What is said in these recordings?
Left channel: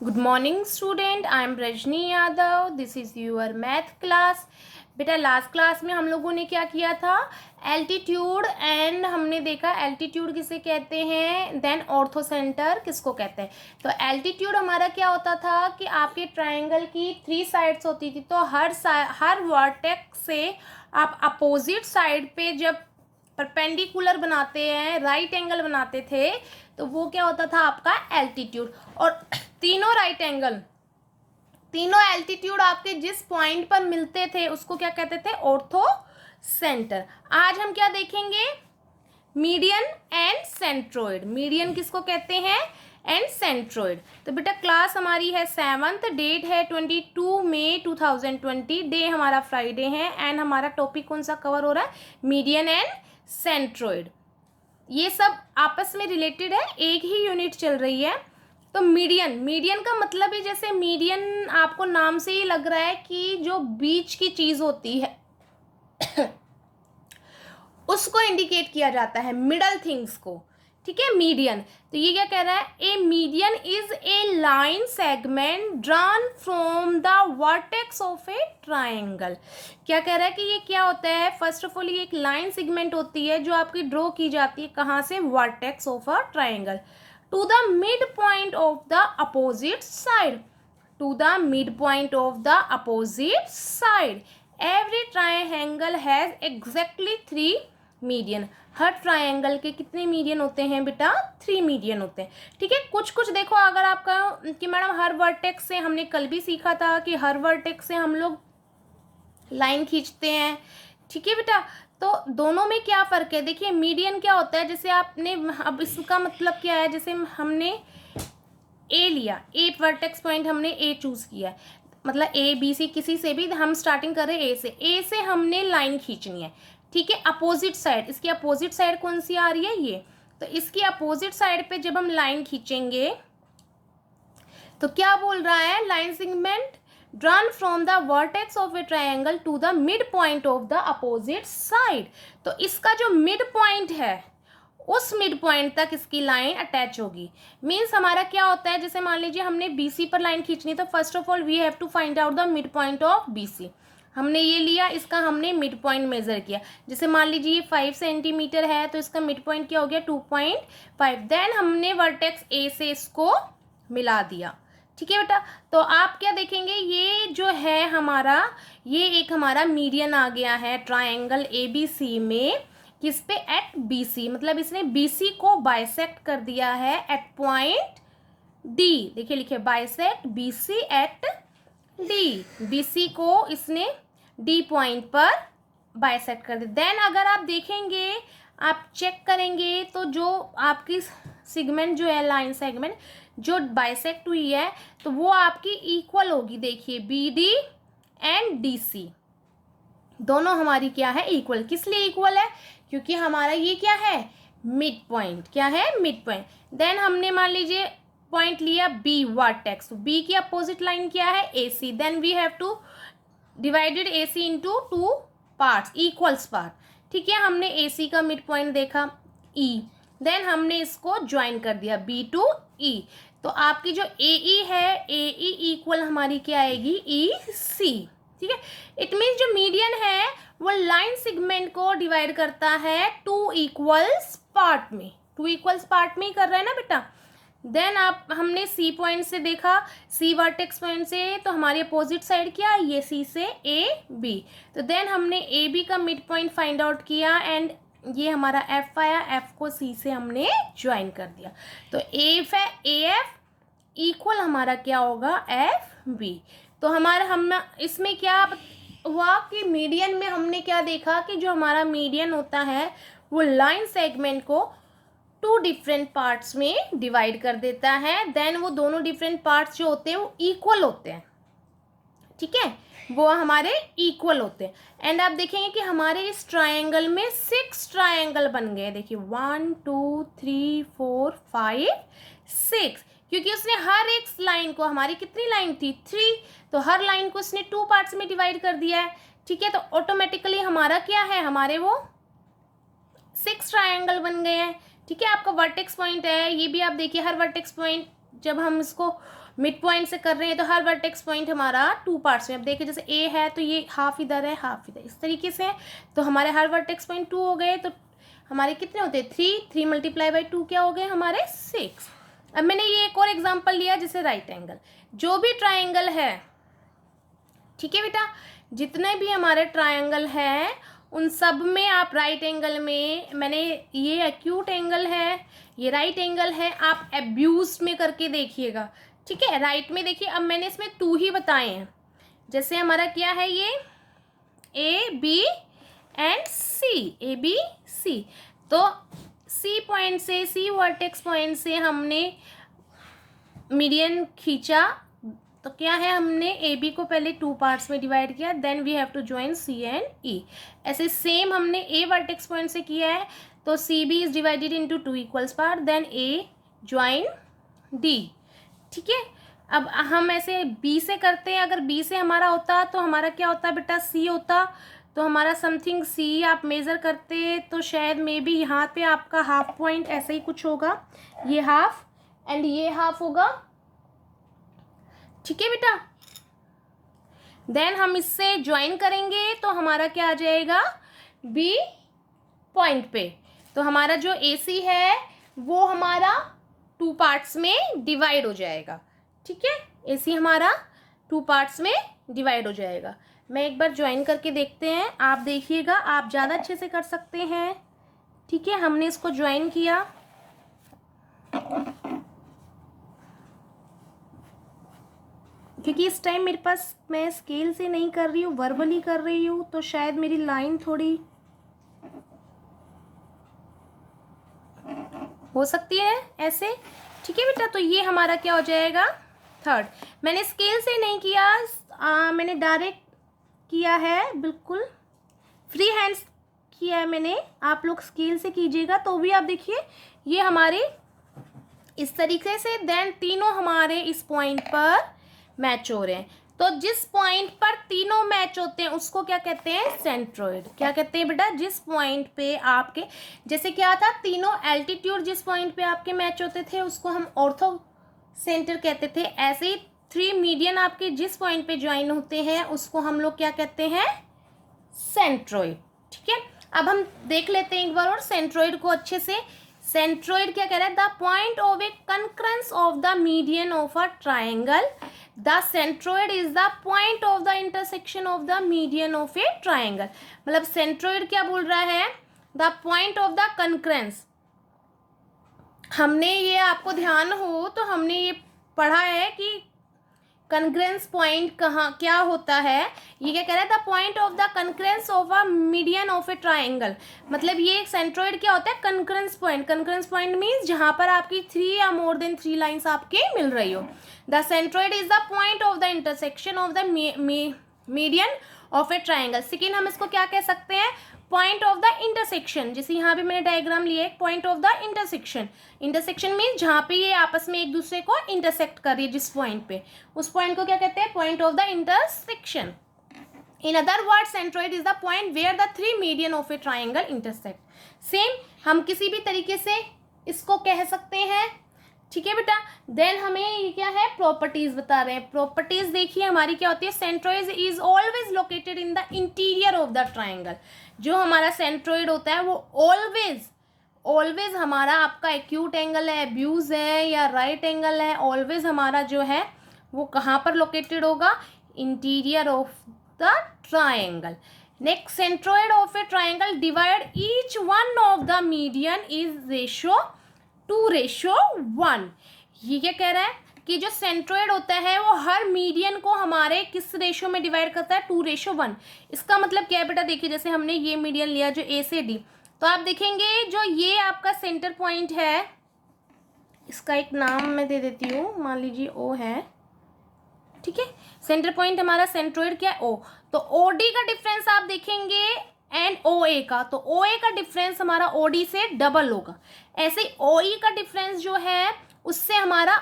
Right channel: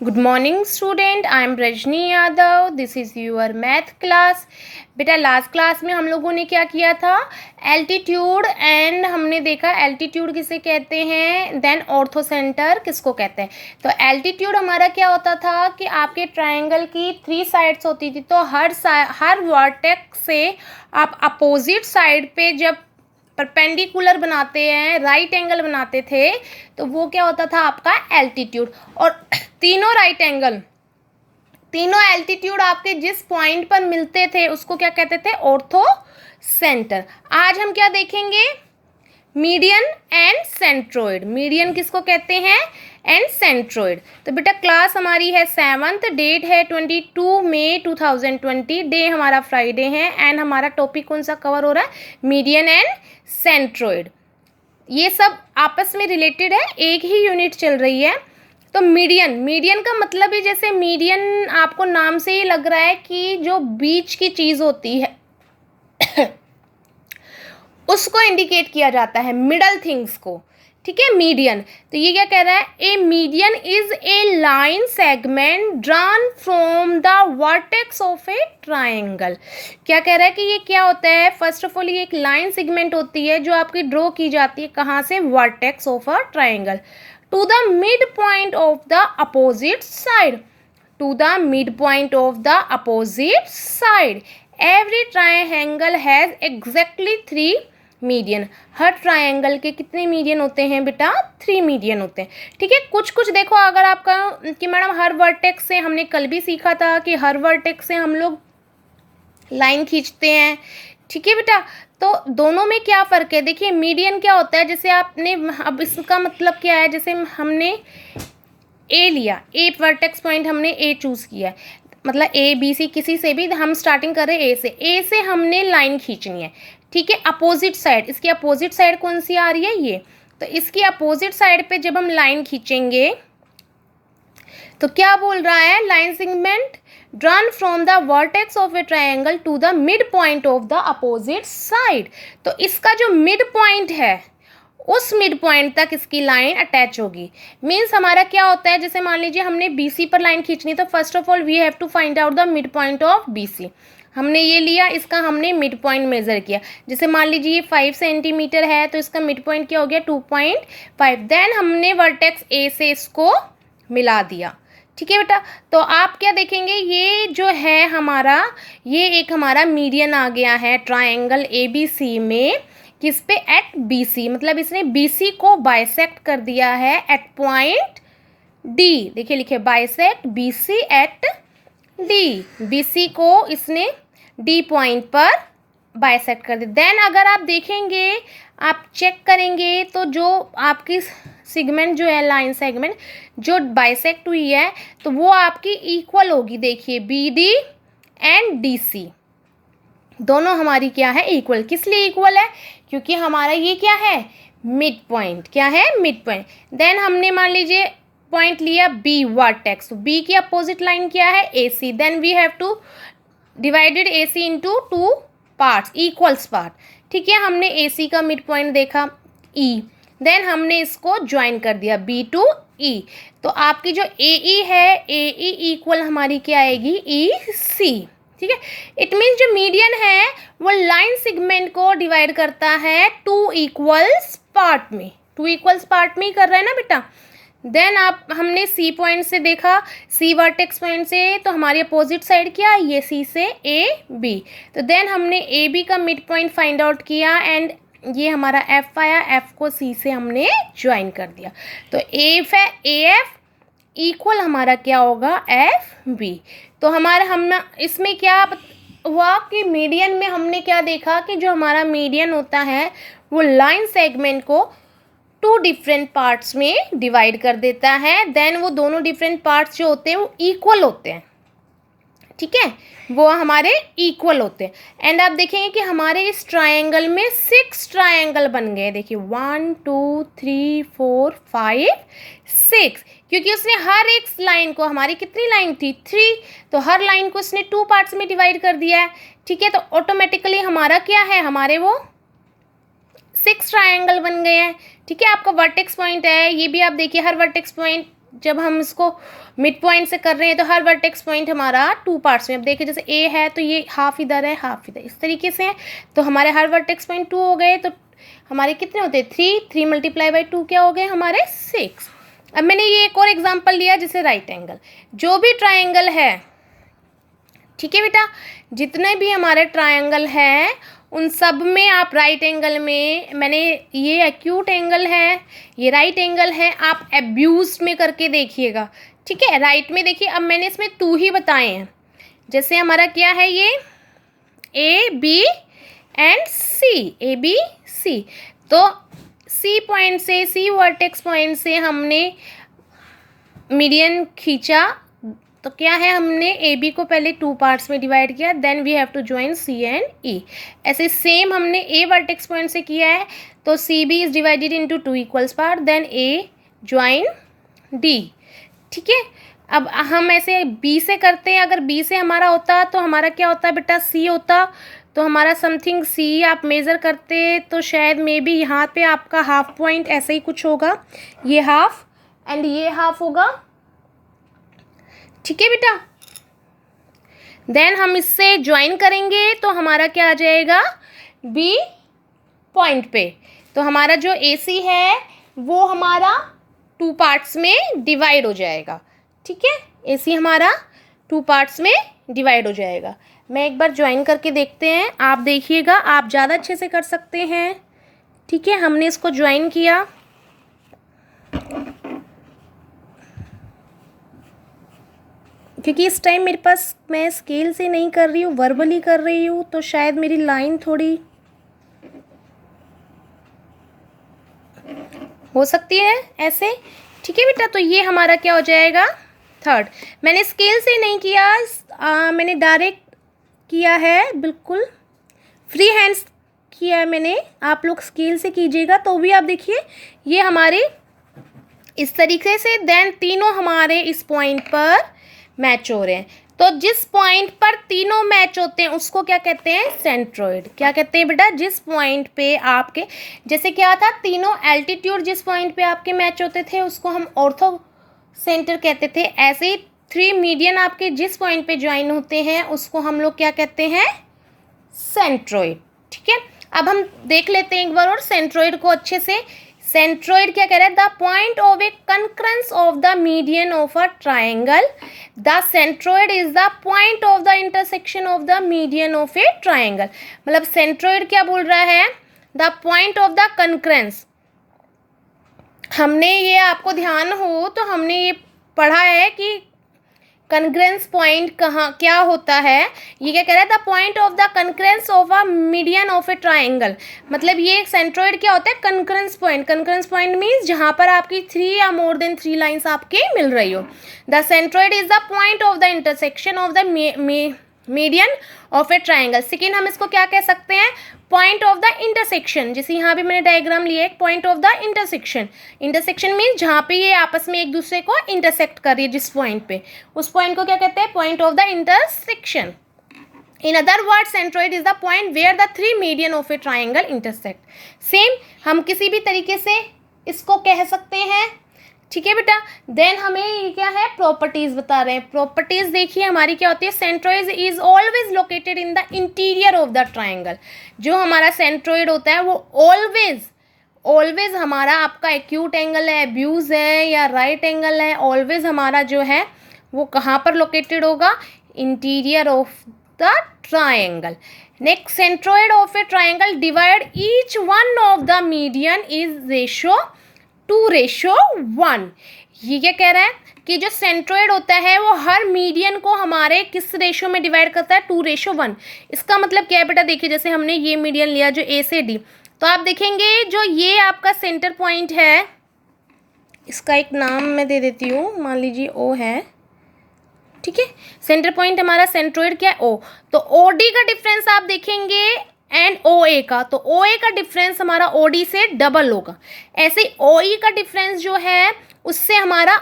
Good morning student, I am Rajni Yadav. This is your math class. बेटा last class में हम लोगों ने क्या किया था? एल्टीट्यूड एंड हमने देखा एल्टीट्यूड किसे कहते हैं, देन ऑर्थो सेंटर किसको कहते हैं। तो एल्टीट्यूड हमारा क्या होता था कि आपके ट्रायंगल की 3 साइड्स होती थी, तो हर वर्टेक्स से आप अपोजिट साइड पे जब परपेंडिकुलर बनाते हैं, राइट एंगल बनाते थे, तो वो क्या होता था आपका एल्टीट्यूड। और तीनों राइट एंगल, तीनों एल्टीट्यूड आपके जिस पॉइंट पर मिलते थे उसको क्या कहते थे? Ortho centre. आज हम क्या देखेंगे? Median and centroid. मीडियन किसको कहते हैं? And centroid. तो बेटा क्लास हमारी है 7th, डेट है 22 मई 2020, डे हमारा फ्राइडे है एंड हमारा टॉपिक कौन सा कवर हो रहा है? Median and centroid. ये सब आपस में रिलेटेड है, एक ही यूनिट चल रही है। तो मीडियन, मीडियन का मतलब ही जैसे मीडियन आपको नाम से ही लग रहा है कि जो बीच की चीज़ होती है उसको इंडिकेट किया जाता है, मिडल थिंग्स को। ठीक है, मीडियन। तो ये क्या कह रहा है? A median is a line segment drawn from the vertex of a triangle. क्या कह रहा है कि ये क्या होता है? फर्स्ट ऑफ ऑल ये एक लाइन सेगमेंट होती है जो आपकी ड्रॉ की जाती है कहाँ से? Vertex of a triangle to the mid point of the opposite side. To the mid point of the opposite side. Every triangle has exactly 3 median. हर ट्रायंगल के कितने मीडियन होते हैं बेटा? 3 मीडियन होते हैं। ठीक है, कुछ कुछ देखो, अगर आपका कि मैडम हर वर्टेक्स से, हमने कल भी सीखा था कि हर वर्टेक्स से हम लोग लाइन खींचते हैं। ठीक है बेटा, तो दोनों में क्या फ़र्क है? देखिए मीडियन क्या होता है, जैसे आपने, अब इसका मतलब क्या है, जैसे हमने ए लिया, ए वर्टेक्स पॉइंट हमने ए चूज़ किया है, मतलब ए बी सी किसी से भी हम स्टार्टिंग कर रहे हैं ए से हमने लाइन खींचनी है। ठीक है, अपोजिट साइड, इसकी अपोजिट साइड कौन सी आ रही है? ये। तो इसकी अपोजिट साइड पे जब हम लाइन खींचेंगे तो क्या बोल रहा है? Line segment drawn from the vertex of a triangle to the mid point of the opposite side. तो इसका जो मिड पॉइंट है उस मिड पॉइंट तक इसकी लाइन अटैच होगी। मीन्स हमारा क्या होता है, जैसे मान लीजिए हमने BC पर लाइन खींचनी, तो first of all we have to find out the mid point of BC। हमने ये लिया, इसका हमने मिड पॉइंट मेजर किया। जैसे मान लीजिए ये 5 सेंटीमीटर है, तो इसका मिड पॉइंट क्या हो गया? 2.5। देन हमने वर्टेक्स A से इसको मिला दिया। ठीक है बेटा, तो आप क्या देखेंगे? ये जो है हमारा, ये एक हमारा मीडियन आ गया है ट्रायंगल ABC में। किस पे? एट BC, मतलब इसने BC को बाइसेक्ट कर दिया है एट पॉइंट D। देखिए लिखे bisect BC at D। BC को इसने D पॉइंट पर बाइसेक्ट कर दिया। देन अगर आप देखेंगे, आप चेक करेंगे, तो जो आपकी सेगमेंट जो है, लाइन सेगमेंट जो बाइसेक्ट हुई है, तो वो आपकी इक्वल होगी। देखिए BD एंड DC दोनों हमारी क्या है? इक्वल। किस लिए इक्वल है? क्योंकि हमारा ये क्या है? Mid point. क्या है? Mid point. देन हमने मान लीजिए पॉइंट लिया B वर्टेक्स, B की अपोजिट लाइन क्या है? AC। Then we have to divided AC into 2 parts, equals part. ठीक है, हमने AC का मिड पॉइंट देखा E, देन हमने इसको ज्वाइन कर दिया B टू E। तो आपकी जो AE है, AE इक्वल हमारी क्या आएगी? EC। ठीक है, इट मीन्स जो मीडियन है वो लाइन सेगमेंट को डिवाइड करता है 2 इक्वल्स पार्ट में। 2 इक्वल्स पार्ट में ही कर रहा है ना बेटा। देन आप, हमने C पॉइंट से देखा, C वर्टेक्स पॉइंट से, तो हमारी अपोजिट साइड क्या है? ये C से AB। तो देन हमने AB का मिड पॉइंट फाइंड आउट किया एंड ये हमारा F आया, F को C से हमने ज्वाइन कर दिया। तो AF है, AF इक्वल हमारा क्या होगा? FB। तो हमारा, हम इसमें क्या हुआ कि मीडियन में हमने क्या देखा कि जो हमारा मीडियन होता है वो लाइन सेगमेंट को 2 डिफरेंट पार्ट्स में डिवाइड कर देता है। देन वो दोनों डिफरेंट पार्ट्स जो होते हैं वो इक्वल होते हैं। ठीक है, वो हमारे इक्वल होते हैं। एंड आप देखेंगे कि हमारे इस ट्रायंगल में 6 ट्रायंगल बन गए। देखिए 1 2 3 4 5 6, क्योंकि उसने हर एक लाइन को, हमारी कितनी लाइन थी? 3, तो हर लाइन को उसने 2 पार्ट्स में डिवाइड कर दिया है। ठीक है, तो ऑटोमेटिकली हमारा क्या है? हमारे वो 6 ट्रायंगल बन गए हैं। ठीक है, आपका वर्टेक्स पॉइंट है, ये भी आप देखिए, हर वर्टेक्स पॉइंट जब हम इसको मिड पॉइंट से कर रहे हैं तो हर वर्टेक्स पॉइंट हमारा 2 पार्ट्स में। अब देखिए जैसे ए है तो ये हाफ इधर है हाफ इधर, इस तरीके से है। तो हमारे हर वर्टेक्स पॉइंट 2 हो गए, तो हमारे कितने होते हैं 3 मल्टीप्लाई बाई 2 क्या हो गए हमारे 6। अब मैंने ये एक और एग्जांपल लिया जैसे राइट एंगल, जो भी ट्रायंगल है, ठीक है बेटा, जितने भी हमारे ट्रायंगल हैं उन सब में आप राइट एंगल में, मैंने ये एक्यूट एंगल है, ये राइट एंगल है, आप एब्यूज में करके देखिएगा, ठीक है। राइट में देखिए, अब मैंने इसमें 2 ही बताए हैं। जैसे हमारा क्या है ये A B and C, A B C, तो सी पॉइंट से, सी वर्टेक्स पॉइंट से हमने मीडियन खींचा, तो क्या है हमने ए बी को पहले 2 पार्ट्स में डिवाइड किया, then we have to join C and E. ऐसे सेम हमने ए वर्टेक्स पॉइंट से किया है, तो C B is divided into 2 equals part, then A join D, ठीक है। अब हम ऐसे बी से करते हैं, अगर बी से हमारा होता तो हमारा क्या होता बेटा सी होता, तो हमारा समथिंग सी आप मेज़र करते तो शायद मे बी यहाँ पे आपका हाफ पॉइंट ऐसे ही कुछ होगा, ये हाफ एंड ये हाफ होगा, ठीक है बेटा। देन हम इससे ज्वाइन करेंगे तो हमारा क्या आ जाएगा बी पॉइंट पे, तो हमारा जो ए सी है वो हमारा 2 पार्ट्स में डिवाइड हो जाएगा, ठीक है। ए सी हमारा 2 पार्ट्स में डिवाइड हो जाएगा। मैं एक बार ज्वाइन करके देखते हैं, आप देखिएगा, आप ज़्यादा अच्छे से कर सकते हैं, ठीक है। हमने इसको ज्वाइन किया, क्योंकि इस टाइम मेरे पास, मैं स्केल से नहीं कर रही हूँ, वर्बली कर रही हूँ, तो शायद मेरी लाइन थोड़ी हो सकती है ऐसे, ठीक है बेटा। तो ये हमारा क्या हो जाएगा 3rd। मैंने स्केल से नहीं किया, मैंने डायरेक्ट किया है, बिल्कुल फ्री हैंड्स किया है मैंने। आप लोग स्केल से कीजिएगा तो भी आप देखिए ये हमारे इस तरीके से, देन तीनों हमारे इस पॉइंट पर मैच हो रहे हैं। तो जिस पॉइंट पर तीनों मैच होते हैं उसको क्या कहते हैं सेंट्रोइड। क्या कहते हैं बेटा, जिस पॉइंट पे आपके, जैसे क्या था, तीनों एल्टीट्यूड जिस पॉइंट पे आपके मैच होते थे उसको हम ऑर्थो सेंटर कहते थे। ऐसे ही 3 मीडियन आपके जिस पॉइंट पे ज्वाइन होते हैं उसको हम लोग क्या कहते हैं सेंट्रोइड, ठीक है। अब हम देख लेते हैं एक बार और सेंट्रोइड को अच्छे से। सेंट्रोइड क्या कह रहा है, the point of A concurrence of the median of a triangle, the centroid is the point of the intersection of the median of a triangle. मतलब सेंट्रोइड क्या बोल रहा है, the point of the concurrence. हमने ये, आपको ध्यान हो तो हमने ये पढ़ा है कि कनग्रेंस पॉइंट कहाँ क्या होता है। ये क्या कह रहा है, the point of the congruence of a median of a triangle. मतलब ये सेंट्रोइड क्या होता है, congruence point. Congruence point means जहाँ पर आपकी 3 या मोर देन 3 लाइन्स आपके मिल रही हो। The centroid is the point of the intersection of the median of a triangle. Second हम इसको क्या कह सकते हैं, पॉइंट ऑफ द इंटरसेक्शन। जैसे यहाँ पे मैंने डायग्राम लिया है, point of the intersection. Intersection means जहाँ पे ये आपस में एक दूसरे को इंटरसेक्ट कर रही है, जिस पॉइंट पे, उस पॉइंट को क्या कहते हैं point of the intersection. In other word centroid is the point where the 3 median of a triangle intersect. Same हम किसी भी तरीके से इसको कह सकते हैं, ठीक है बेटा। देन हमें ये क्या है प्रॉपर्टीज बता रहे हैं। प्रॉपर्टीज देखिए हमारी क्या होती है, centroid is always located in the interior of the triangle. जो हमारा सेंट्रोइड होता है वो ऑलवेज हमारा आपका एक्यूट एंगल है, एब्यूज है या राइट एंगल है, ऑलवेज हमारा जो है वो कहाँ पर लोकेटेड होगा, interior of the triangle. Next, centroid of a triangle divide each one of the median is ratio 2:1। ये क्या कह रहा है कि जो सेंट्रोइड होता है वो हर मीडियन को हमारे किस रेशो में डिवाइड करता है, 2:1। इसका मतलब क्या है बेटा, देखिए जैसे हमने ये मीडियन लिया जो ए से डी, तो आप देखेंगे जो ये आपका सेंटर पॉइंट है, इसका एक नाम मैं दे देती हूँ, मान लीजिए ओ है, ठीक है। सेंटर पॉइंट हमारा सेंट्रोइड क्या है ओ, तो ओ डी का डिफरेंस आप देखेंगे एंड ओ ए का, तो ओ ए का डिफरेंस हमारा ओ डी से डबल होगा। ऐसे ही ओ ई का डिफरेंस जो है उससे हमारा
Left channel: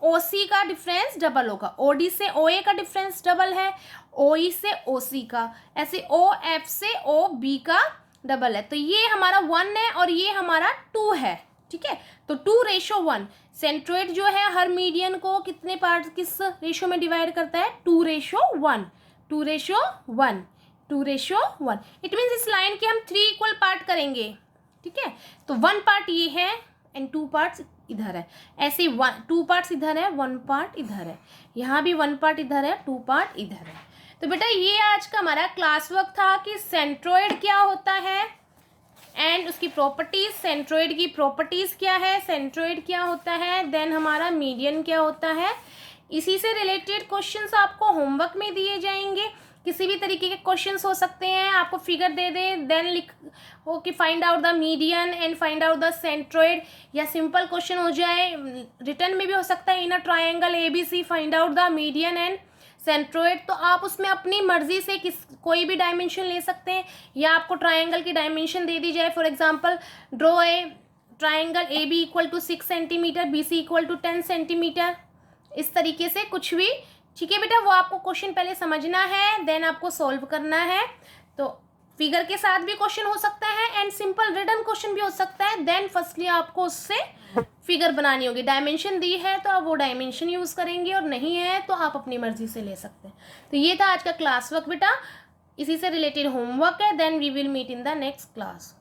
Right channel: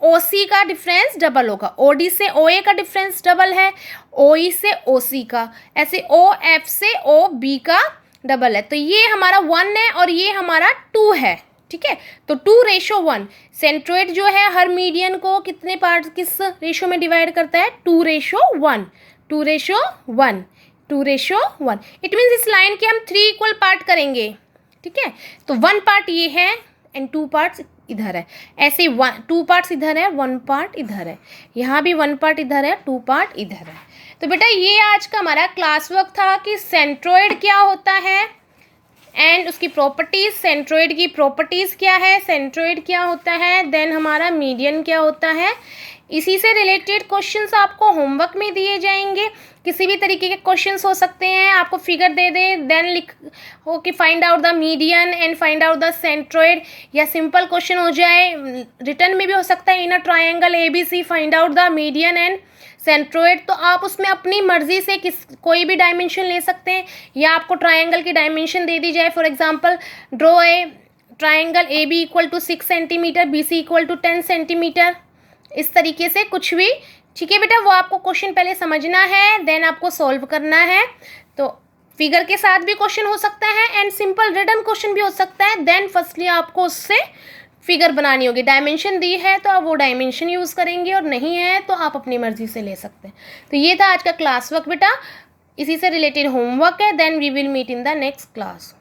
ओ सी का डिफरेंस डबल होगा। ओ डी से ओ ए का डिफरेंस डबल है, ओ ई से ओ सी का, ऐसे ओ एफ से ओ बी का डबल है। तो ये हमारा 1 है और ये हमारा 2 है, ठीक है। तो 2:1 सेंट्रोइड जो है हर मीडियन को कितने पार्ट किस रेशो में डिवाइड करता है, 2:1, 2:1, 2:1। इट मीन्स इस लाइन के हम 3 इक्वल पार्ट करेंगे, ठीक है। तो 1 पार्ट ये है एंड 2 पार्ट्स इधर है, ऐसे 2 पार्ट्स इधर है, 1 पार्ट इधर है, यहाँ भी 1 पार्ट इधर है, 2 पार्ट इधर है। तो बेटा ये आज का हमारा क्लास वर्क था कि सेंट्रोइड क्या होता है एंड उसकी प्रॉपर्टीज, सेंट्रोइड की प्रॉपर्टीज क्या है, सेंट्रोइड क्या होता है, देन हमारा मीडियन क्या होता है। इसी से रिलेटेड क्वेश्चंस आपको होमवर्क में दिए जाएंगे, किसी भी तरीके के क्वेश्चंस हो सकते हैं। आपको फिगर दे दे देन लिख हो कि find out the median and find out the centroid, या सिंपल क्वेश्चन हो जाए रिटर्न में भी हो सकता है, in a triangle ABC find out the median and centroid. तो आप उसमें अपनी मर्जी से कोई भी डायमेंशन ले सकते हैं, या आपको ट्रायंगल की डायमेंशन दे दी जाए, for example draw a triangle AB = 6 centimetre, BC = 10 centimetre, इस तरीके से कुछ भी, ठीक है बेटा। वो आपको क्वेश्चन पहले समझना है, देन आपको सॉल्व करना है। तो फिगर के साथ भी क्वेश्चन हो सकता है एंड सिंपल रिटन क्वेश्चन भी हो सकता है। देन फर्स्टली आपको उससे फिगर बनानी होगी, डायमेंशन दी है तो आप वो डायमेंशन यूज़ करेंगे, और नहीं है तो आप अपनी मर्जी से ले सकते हैं। तो ये था आज का क्लास वर्क बेटा, इसी से रिलेटेड होमवर्क है। Then we will meet in the next class.